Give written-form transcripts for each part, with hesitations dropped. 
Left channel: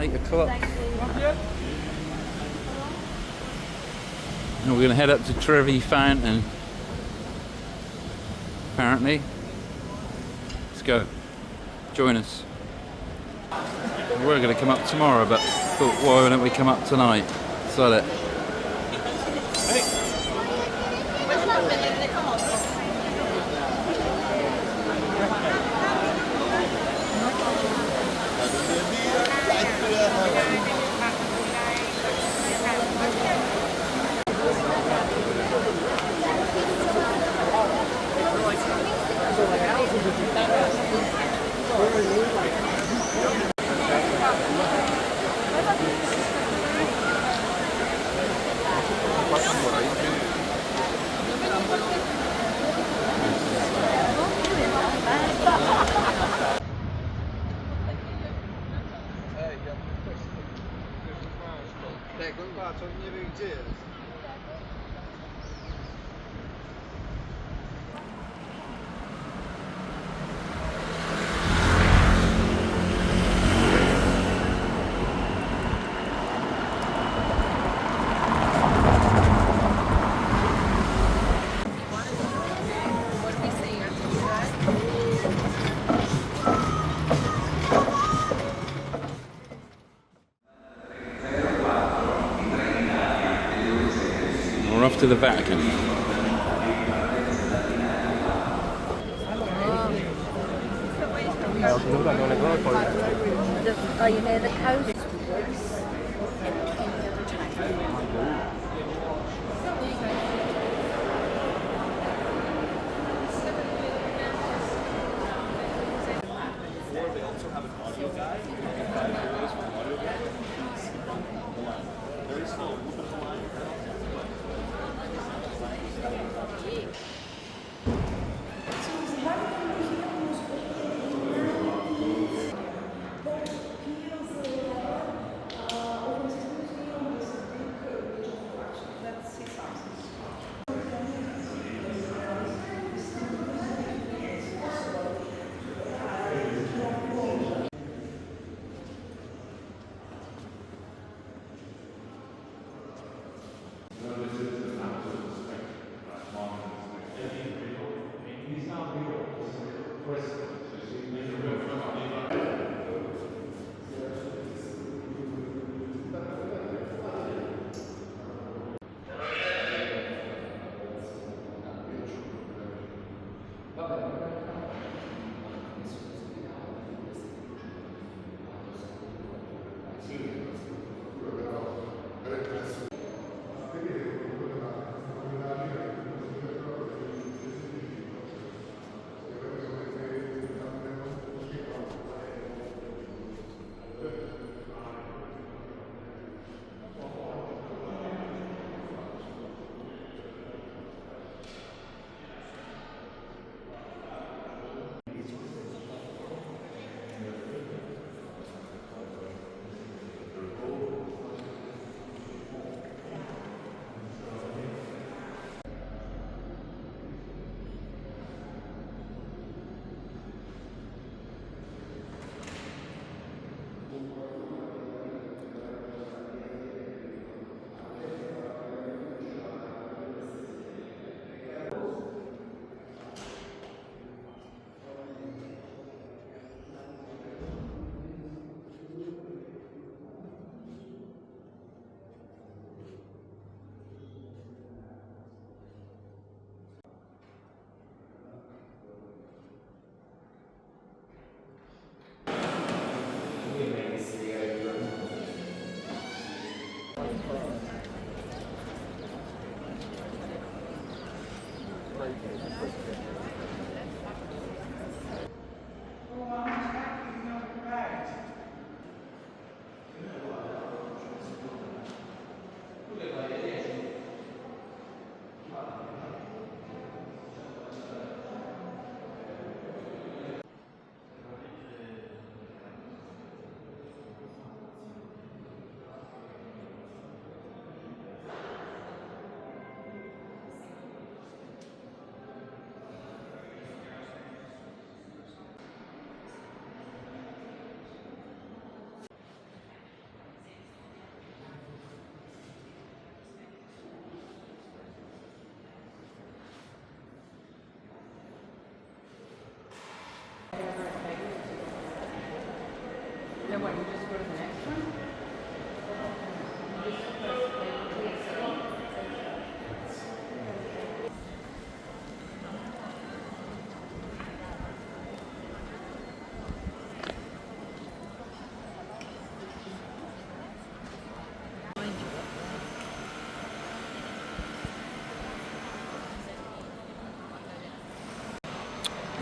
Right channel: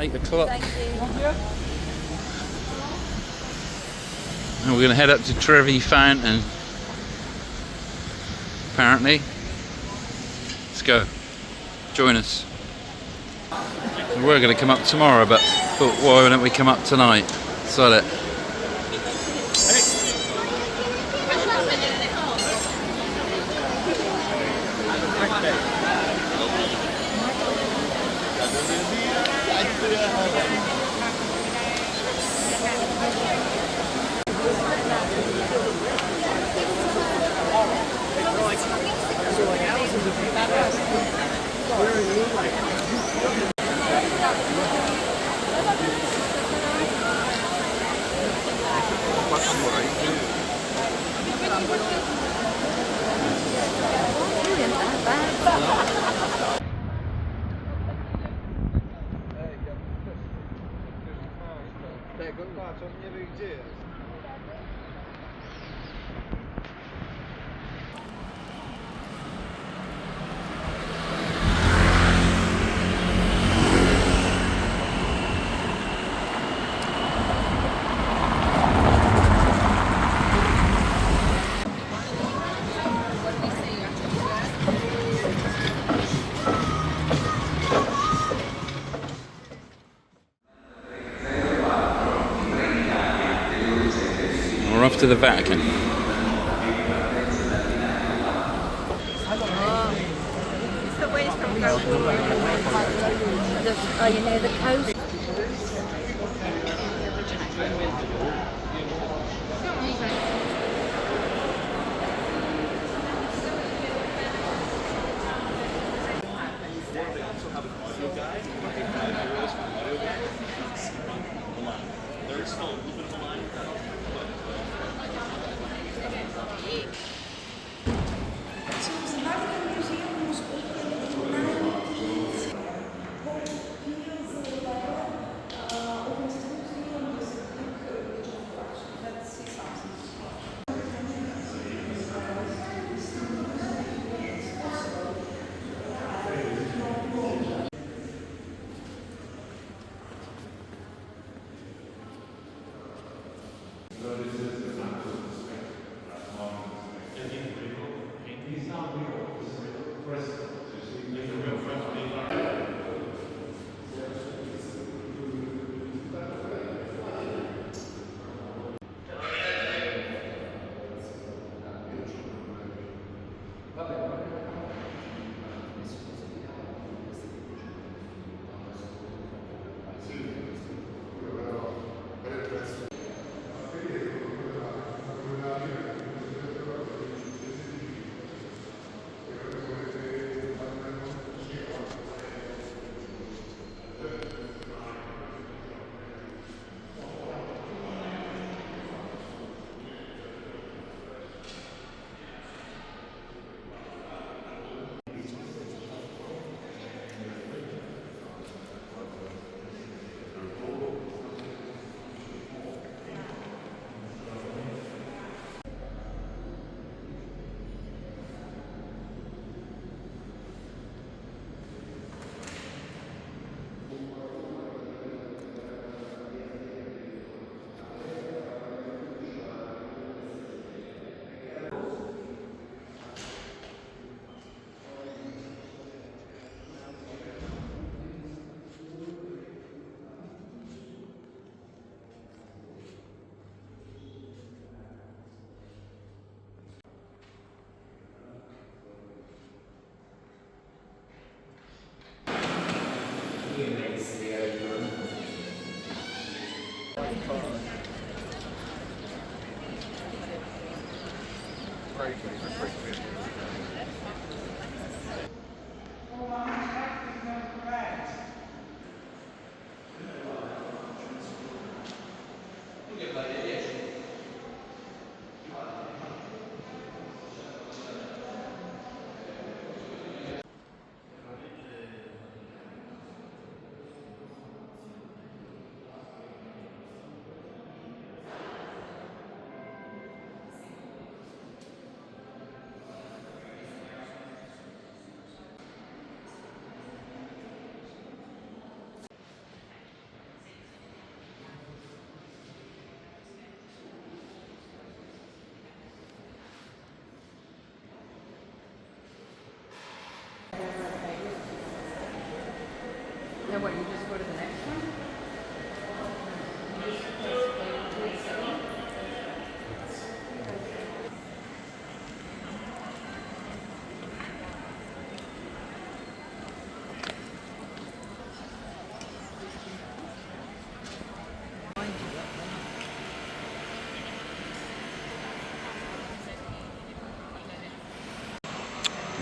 8 o'clock. Thank you. And we're going to head up to Trevi Fountain. Apparently. Let's go. Join us. We're going to come up tomorrow, but thought, why don't we come up tonight? Sod it. We're off to the Vatican. Are you near the coast?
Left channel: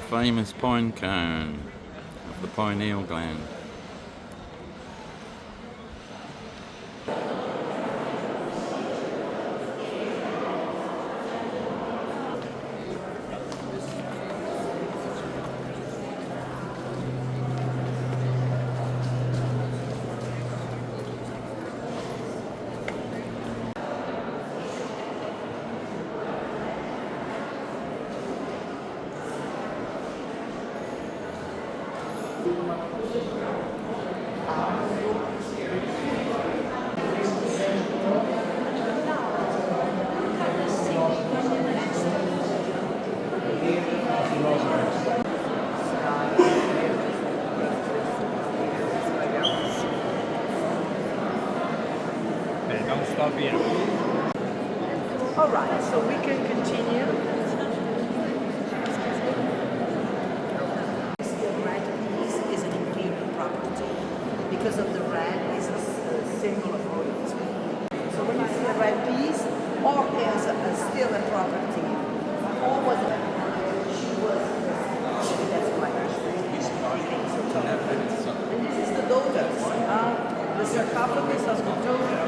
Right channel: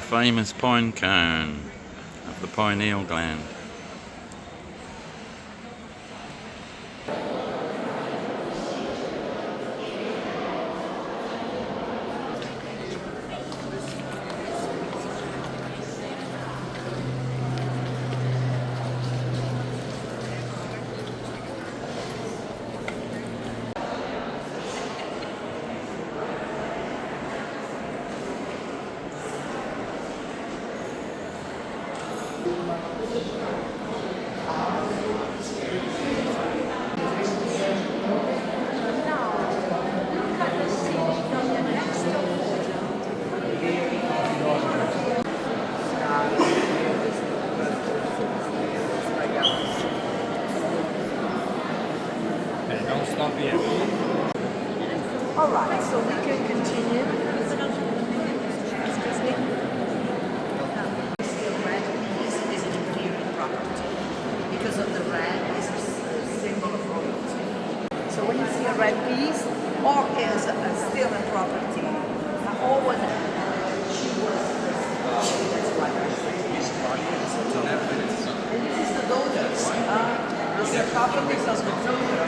famous pine cone of the pineal gland. Don't stop yet. All right, so we can continue. Because of the red is singing fruit. So when you see a red piece, or is still a property, or was she was that's why this is the daughters. This is a couple, this is the daughter.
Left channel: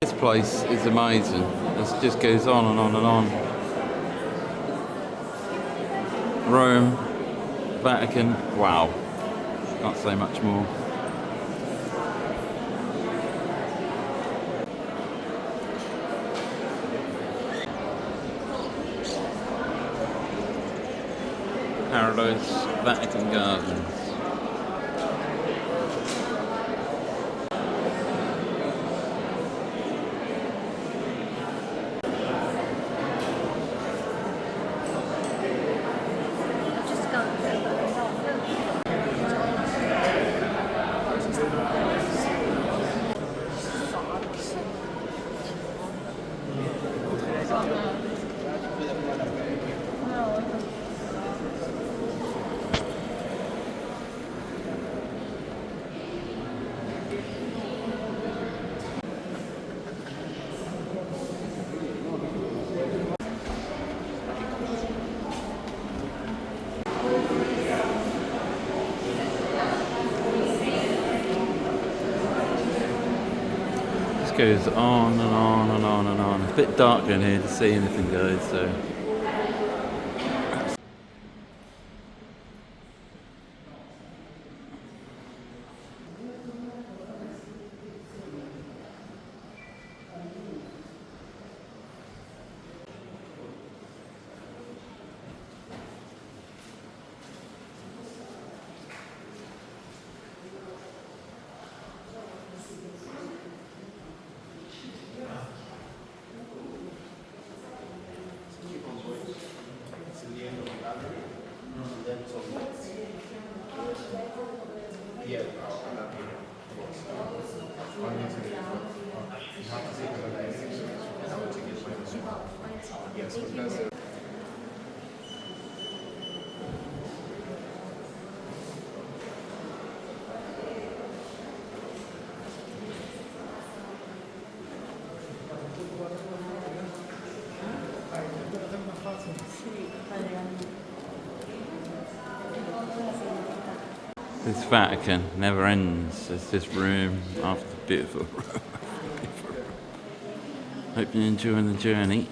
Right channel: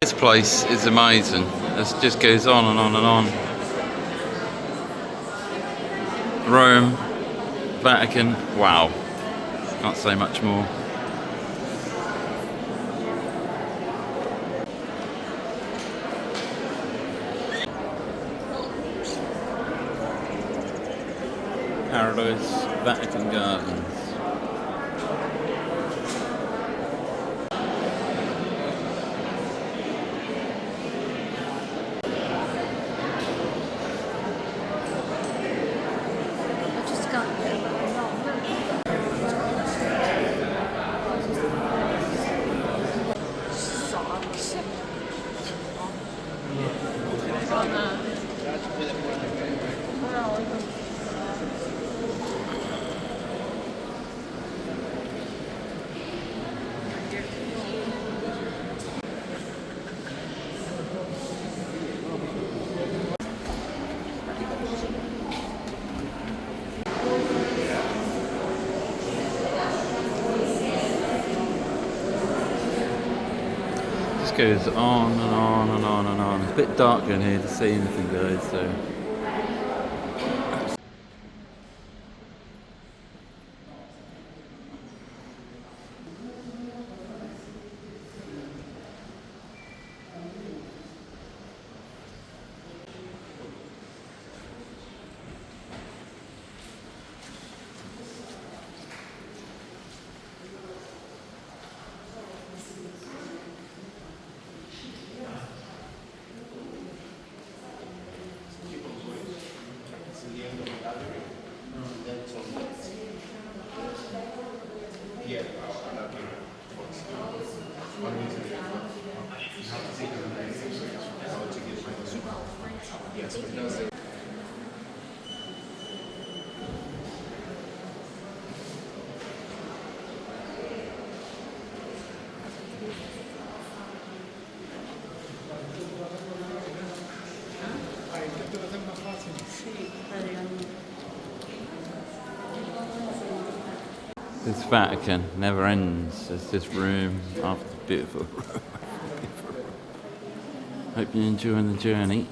This place is amazing. It just goes on and on and on. Rome, Vatican, wow. Can't say much more. Paradise, Vatican Gardens. Goes on and on and on and on. It's a bit dark in here to see anything, guys, so This Vatican never ends. There's this room after the beautiful room. Hope you're enjoying the journey.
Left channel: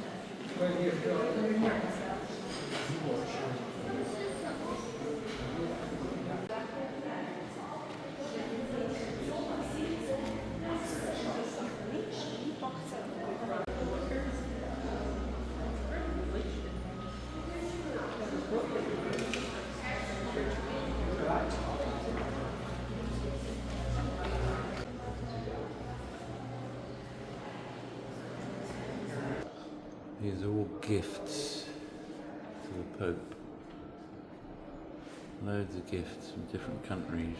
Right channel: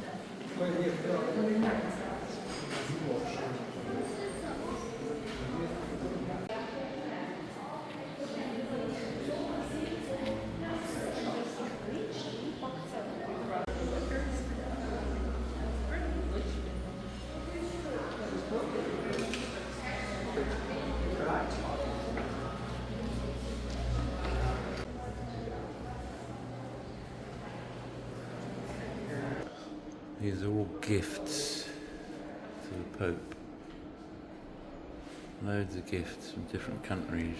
These are all gifts to the Pope. Loads of gifts from different countries.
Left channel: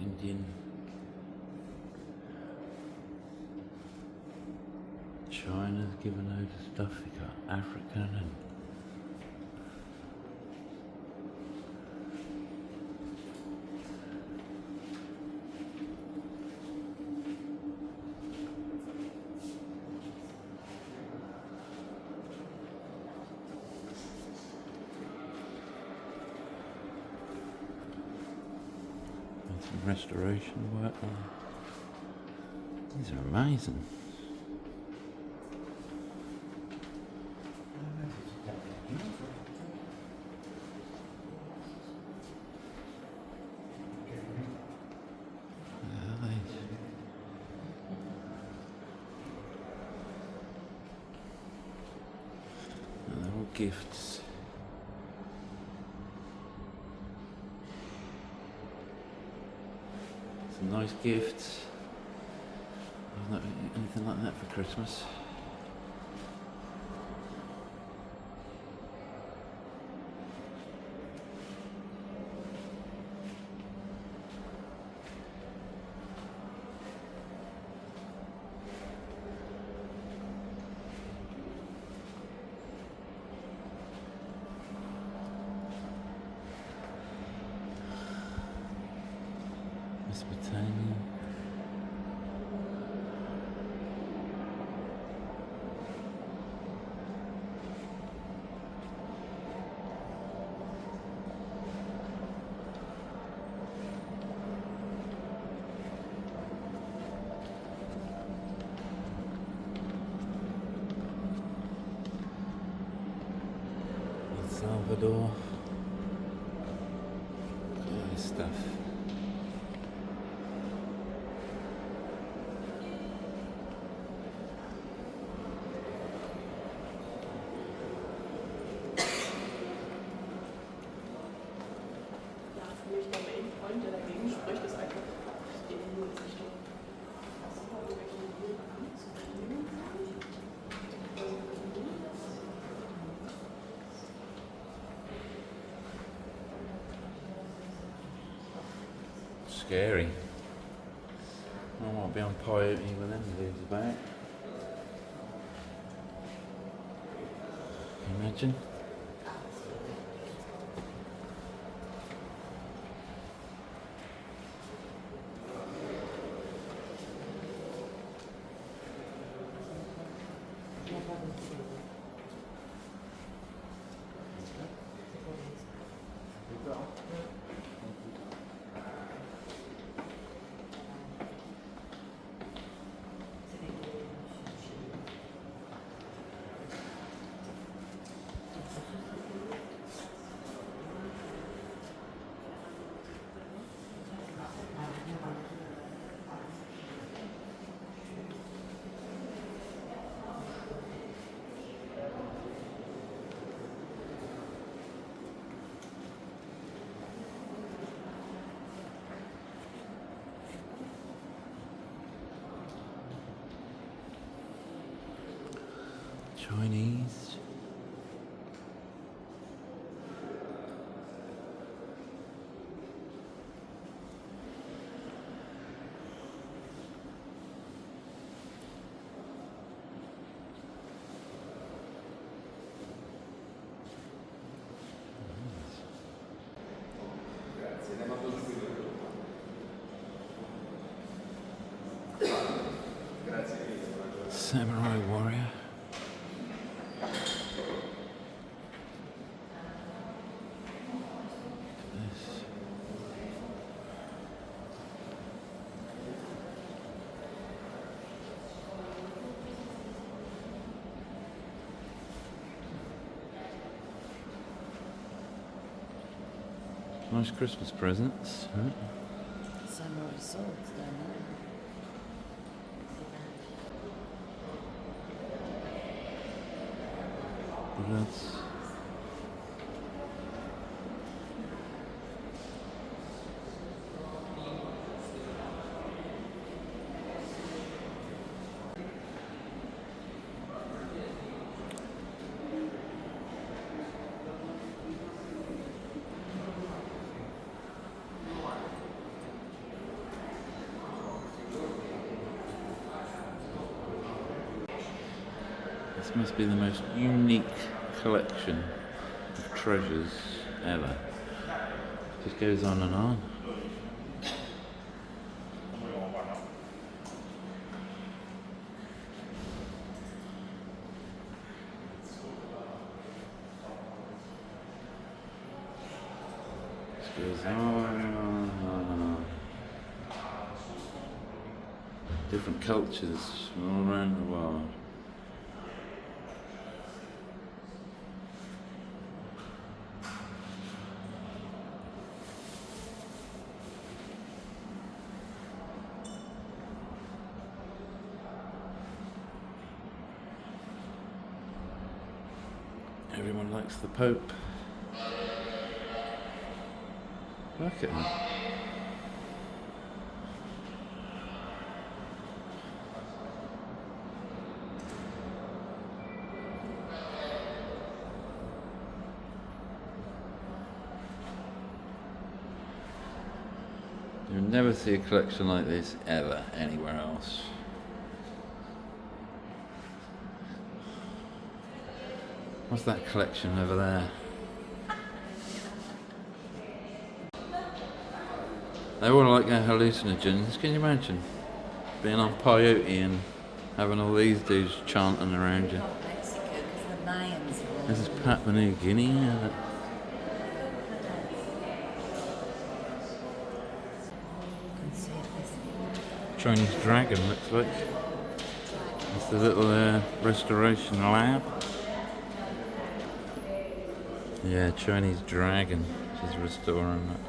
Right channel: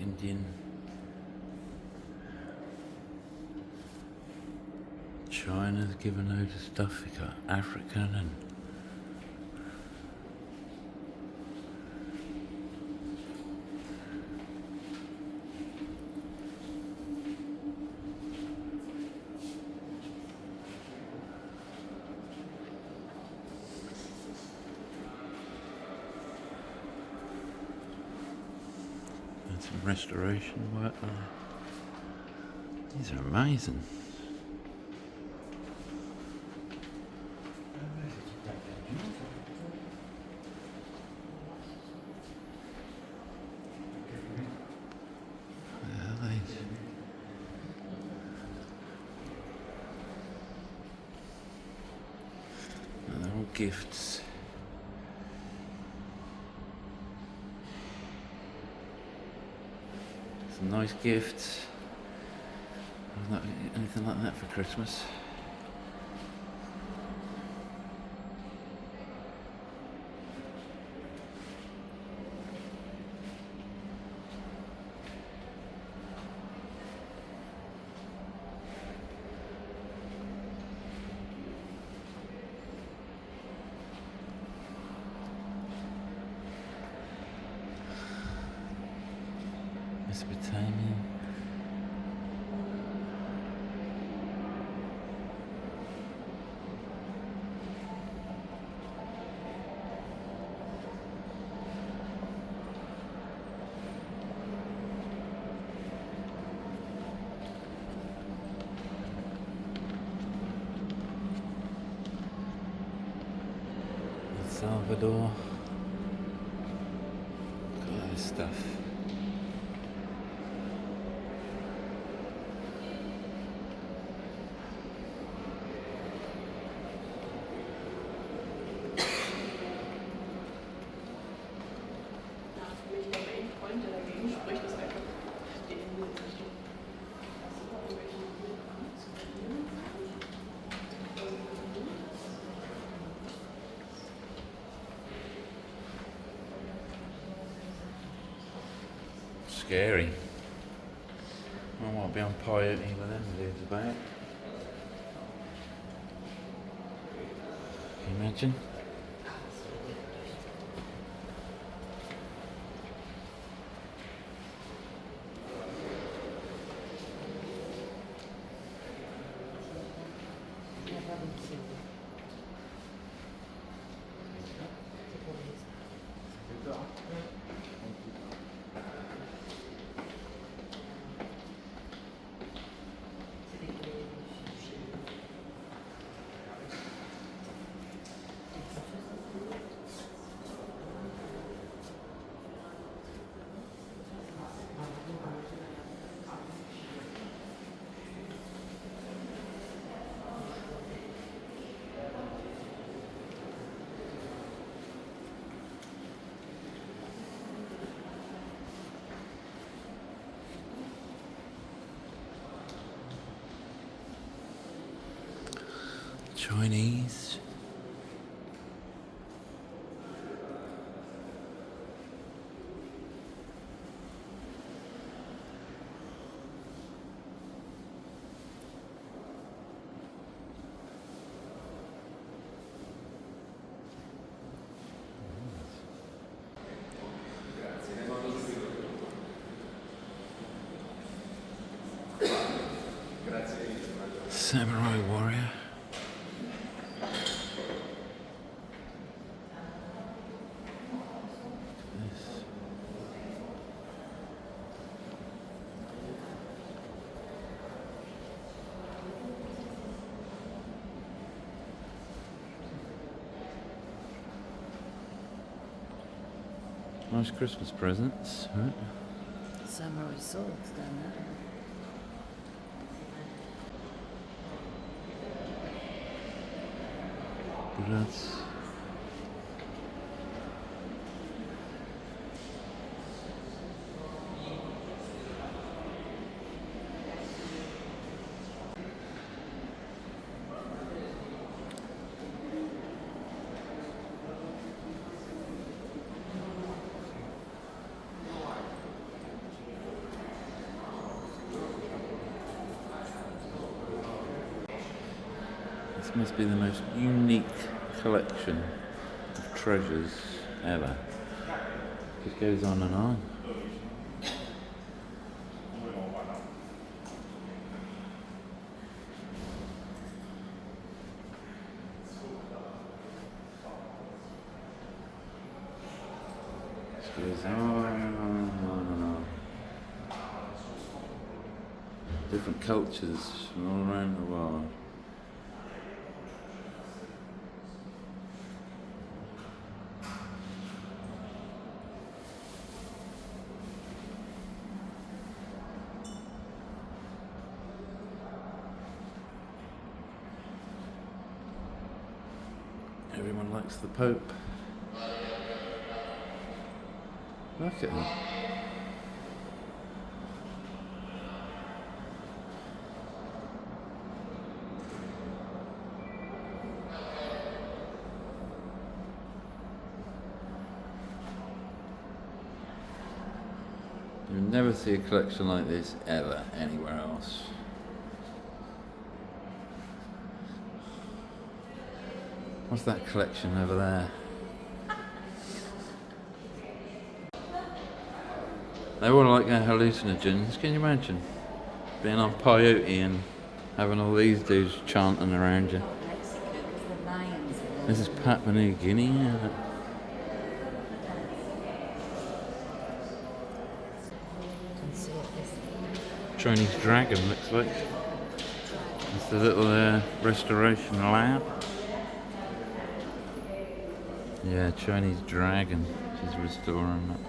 Indian, China's given loads of stuff. We got African and some restoration work there. These are amazing. What are these? Oh, they're all gifts. Some nice gifts. I've not anything like that for Christmas. Mesopotamia. El Salvador. Look at all this stuff. Scary. I might be on piety with them these about. Can you imagine? Chinese. Samurai warrior. Nice Christmas presents, right? Samurai swords down there. Bullets. This must be the most unique collection of treasures ever. Just goes on and on. This goes on and on and on. Different cultures from all around the world. Everyone likes the Pope. Look at him. You'll never see a collection like this ever anywhere else. What's that collection over there? They all like their hallucinogens. Can you imagine being on peyote and having all these dudes chanting around you? Mexico, because the lions are This is Papua New Guinea. Chinese dragon looks like. It's the little restoration lab. Yeah, Chinese dragon. She's restoring that.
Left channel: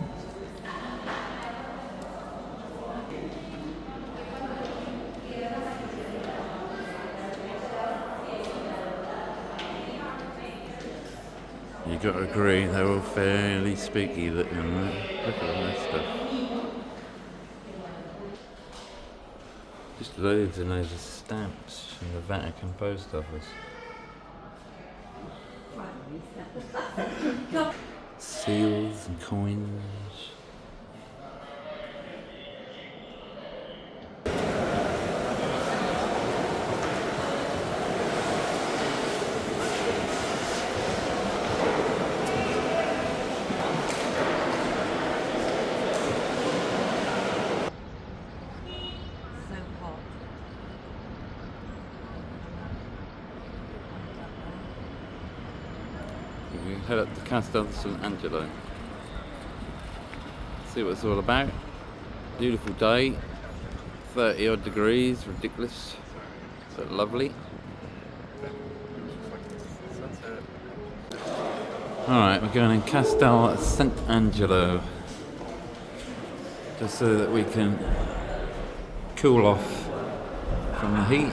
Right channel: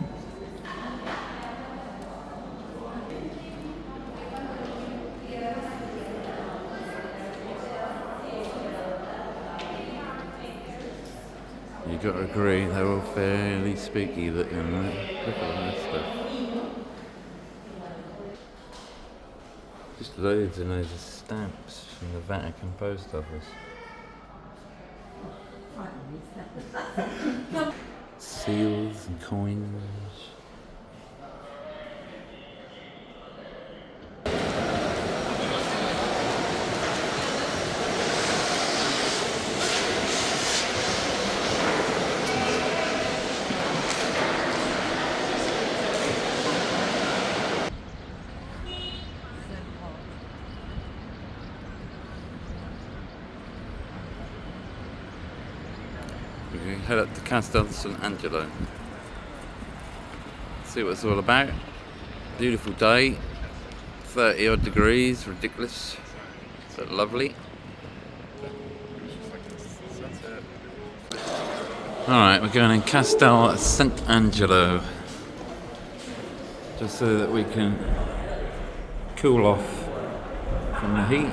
You got to agree, they're all fairly spooky looking, right? Look at all that stuff. Just loads and loads of stamps from the Vatican Post Office. Seals and coins. We can head up to Castel San Angelo. See what it's all about. Beautiful day. 30 odd degrees, ridiculous, but lovely. Alright, we're going in Castel Sant'Angelo. Just so that we can cool off from the heat.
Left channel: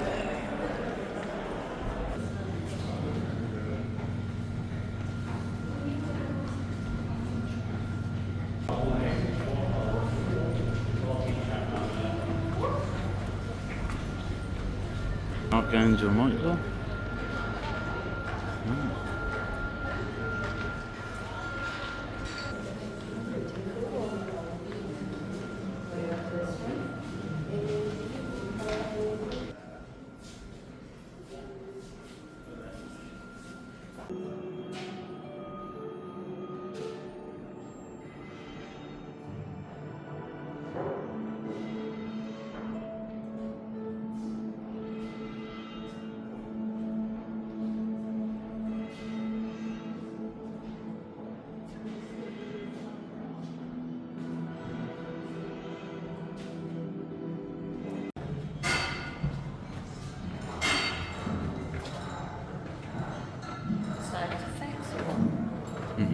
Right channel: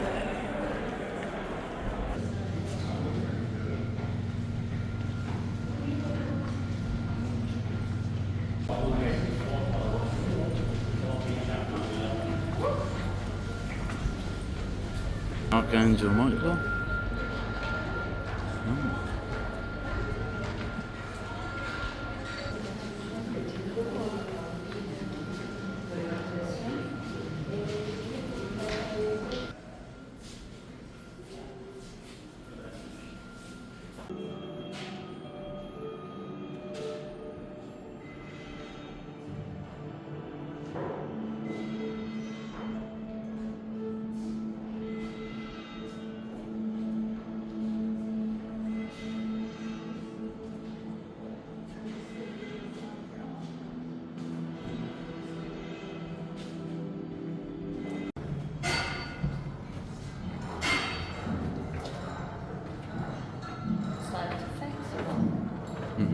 Archangel Michael. Oh. E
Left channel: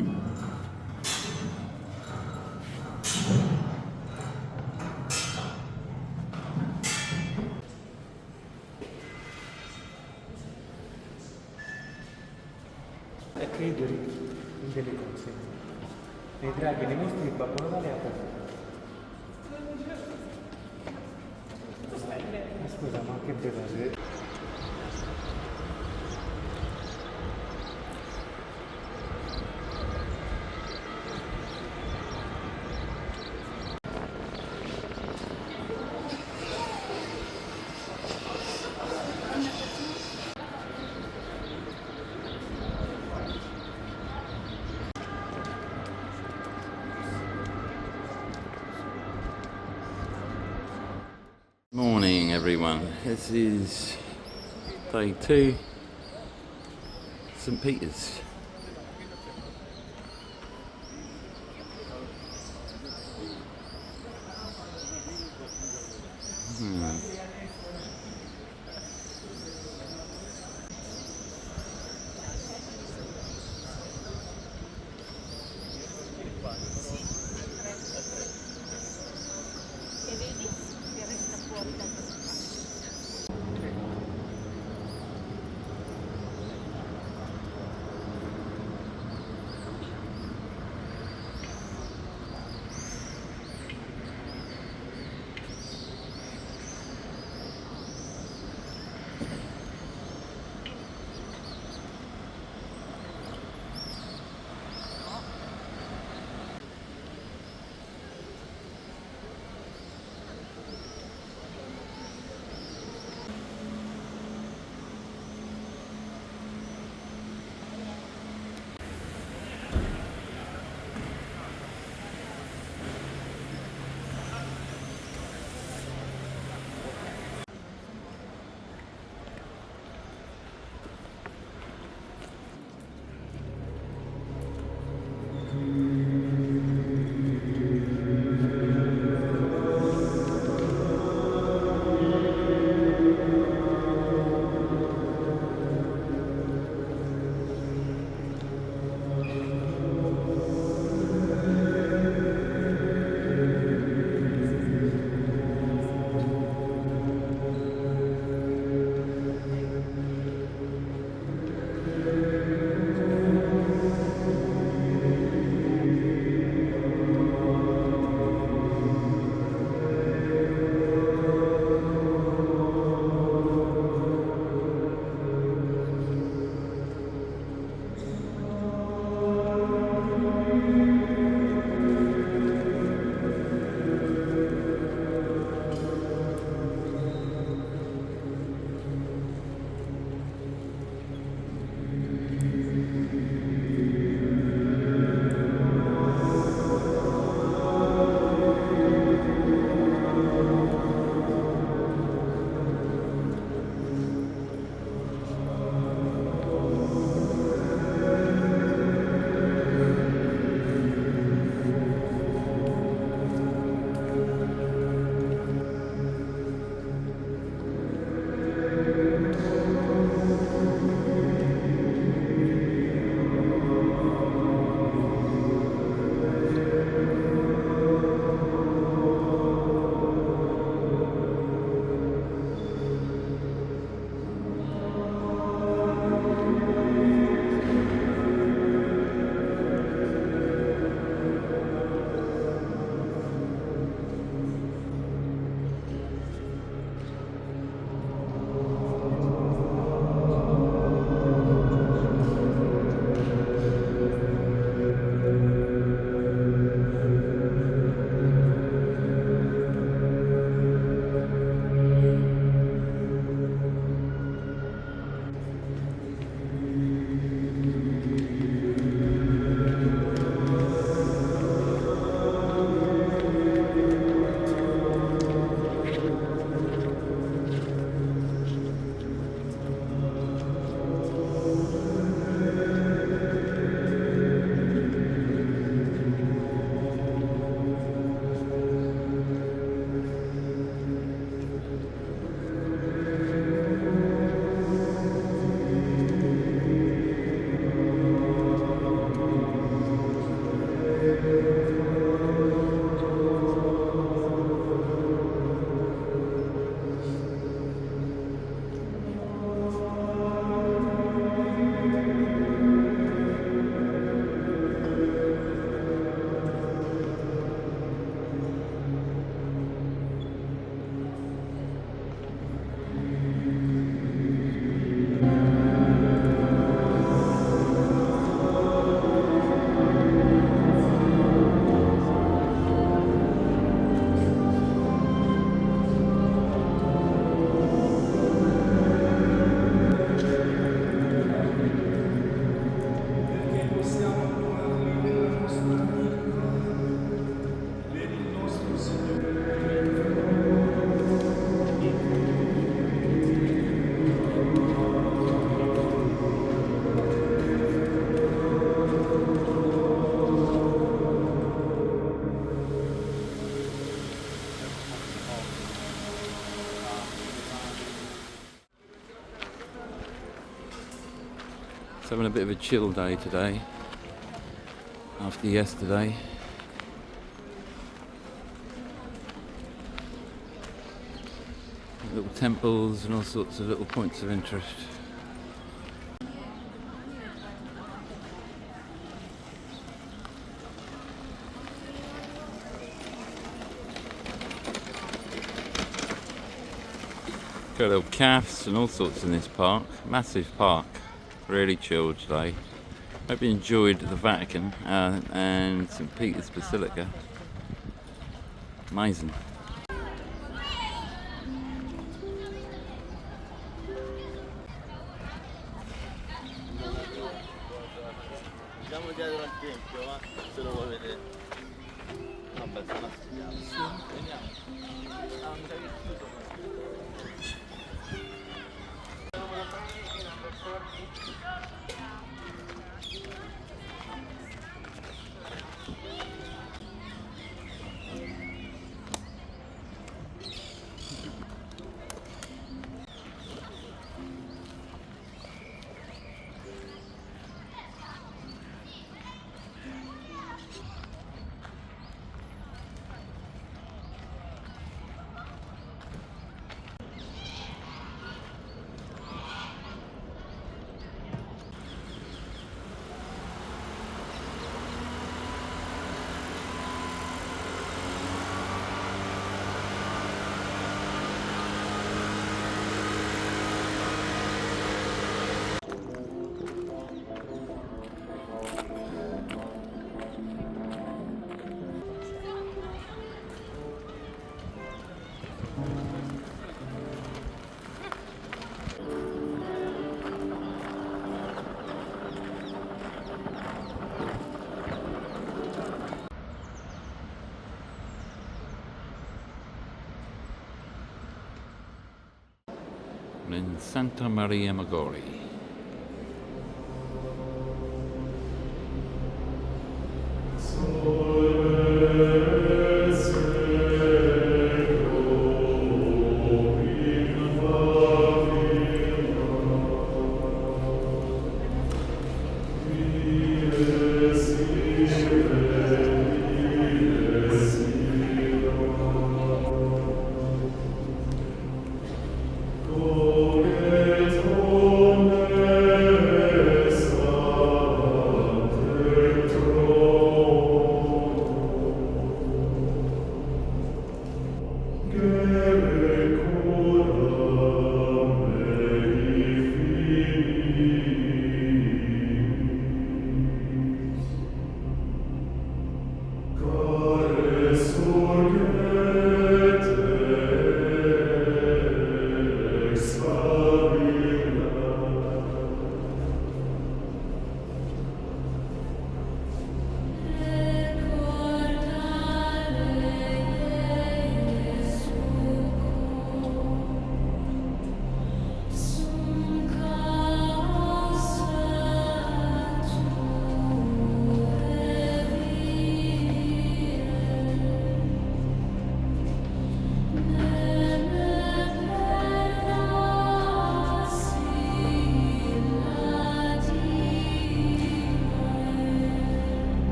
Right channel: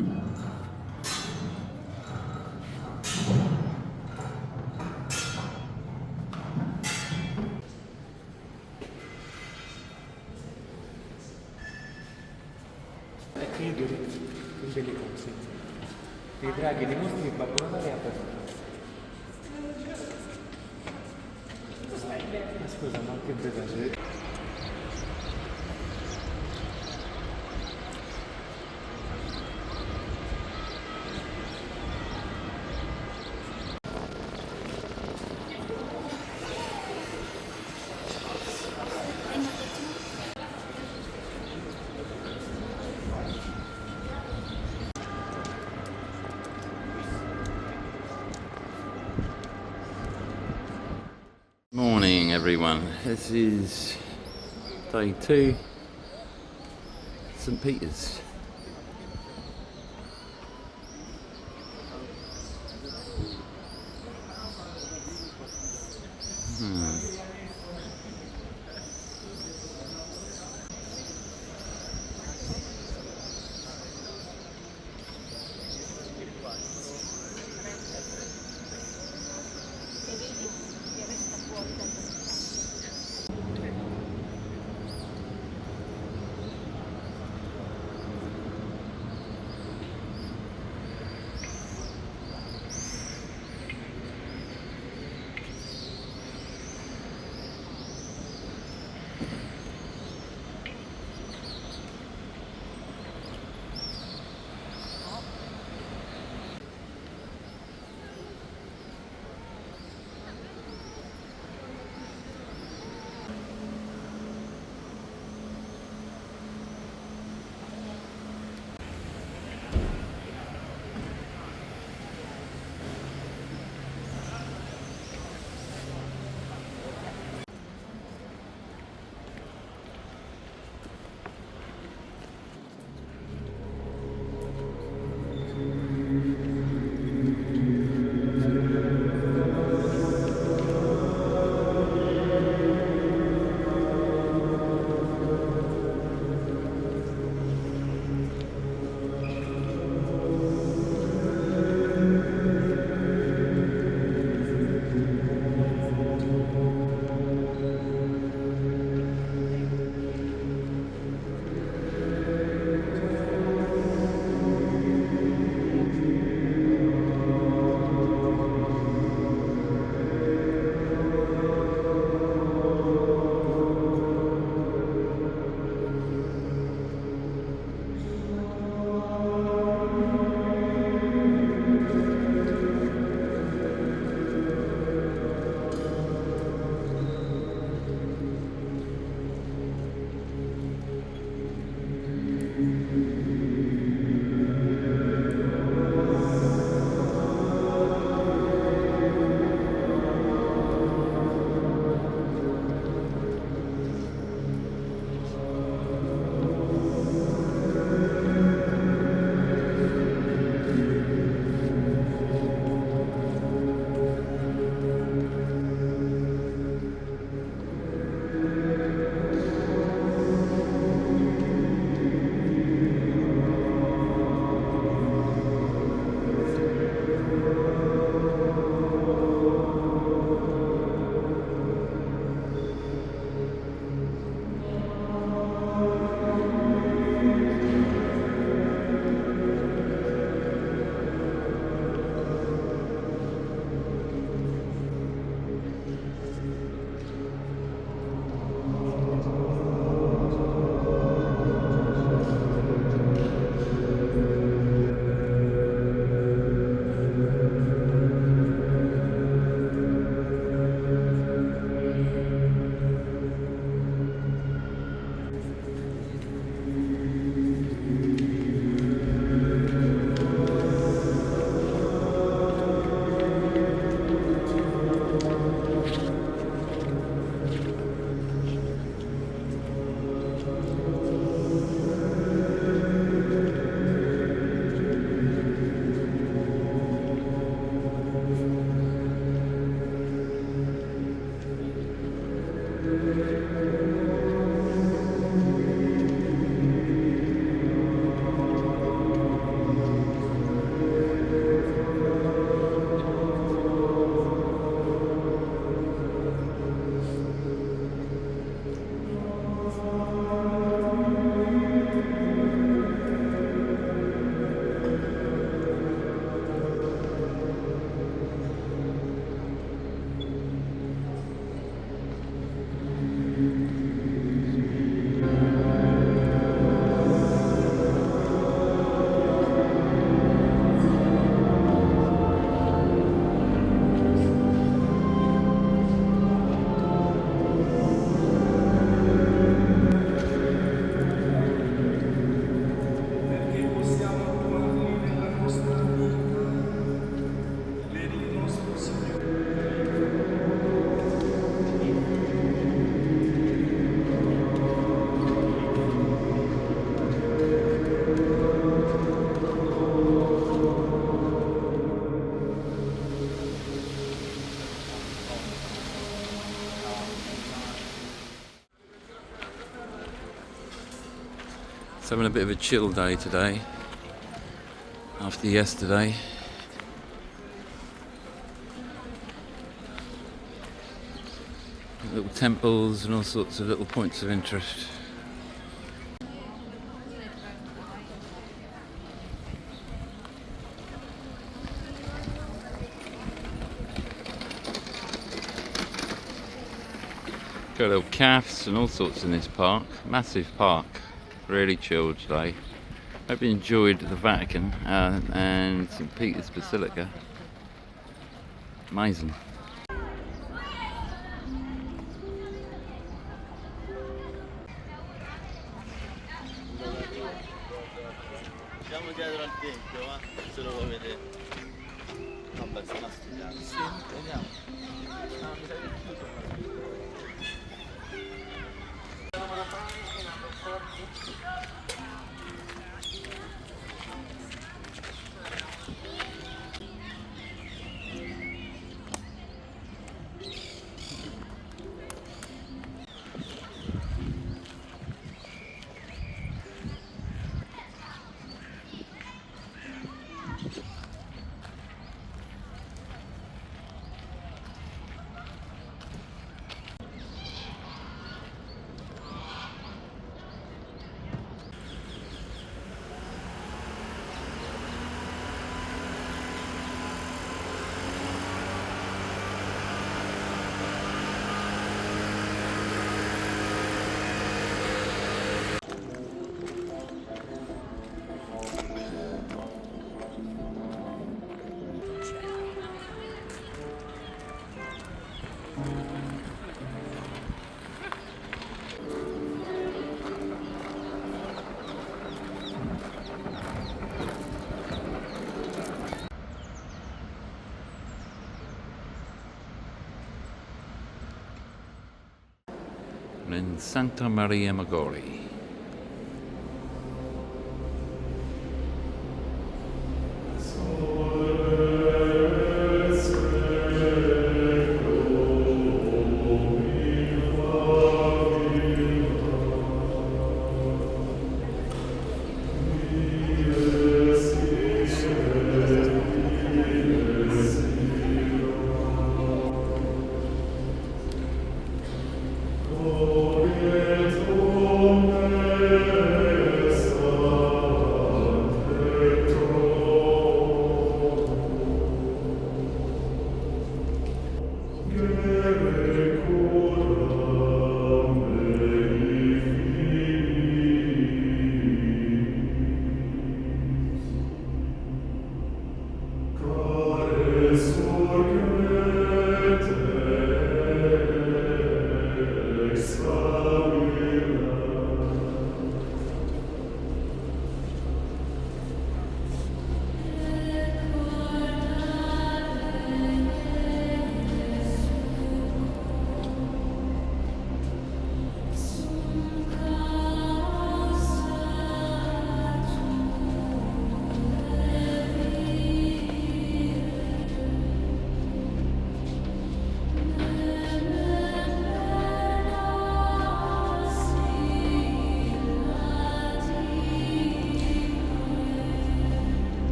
credere in delle cose. Vedrà che nei nostri babbo Natale è aperto. Ma scusa, ma che bevande? Morning everyone, this is day 2, St Peter's. having a bit of a chill day today after yesterday. Little temples and all sorts of little points of interest. Got little cafes and all sorts in this park. Massive park. Really chilled today. Hope you enjoyed the Vatican and St. Peter's Basilica. Amazing. Siamo dietro al tempio, ma se lo vuoi vedere. No, beh, fa una studiata. Sì, andiamo. In Santa Maria Maggiore.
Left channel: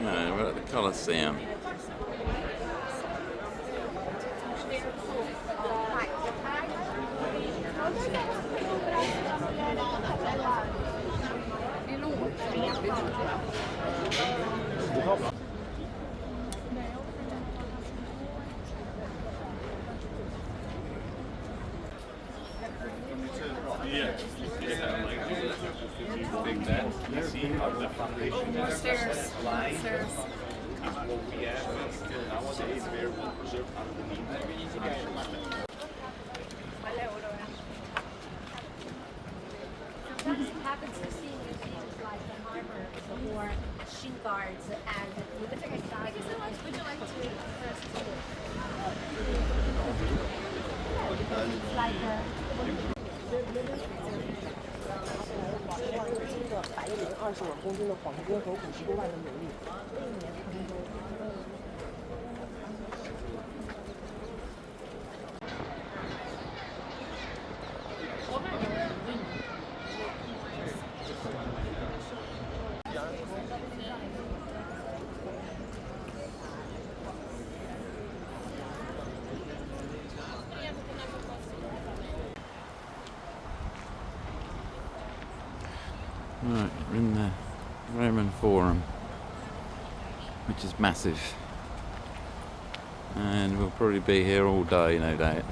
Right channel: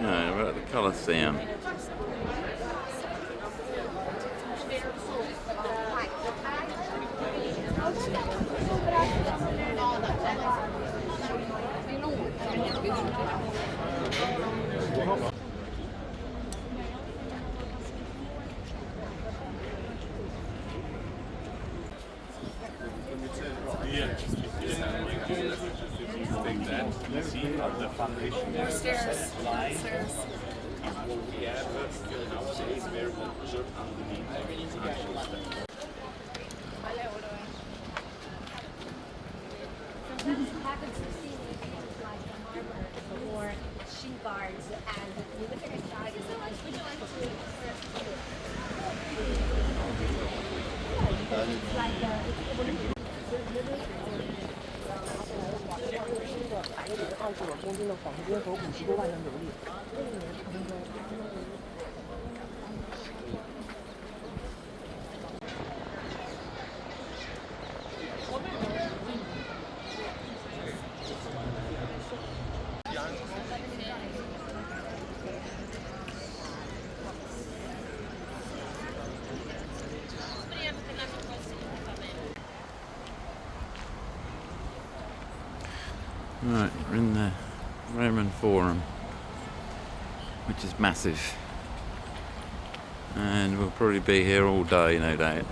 No, we're at the Colosseum. The foundation line is what we have nowadays. We're preserved underneath. Happens to see like the harbor or shin guards and you look at the side, would you like to eat first? It's like Right, we're in the Roman Forum, which is massive, and we'll probably be here all day, no doubt.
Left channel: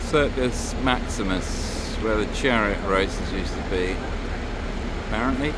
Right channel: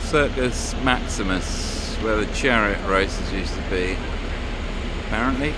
Circus Maximus, where the chariot races used to be, apparently.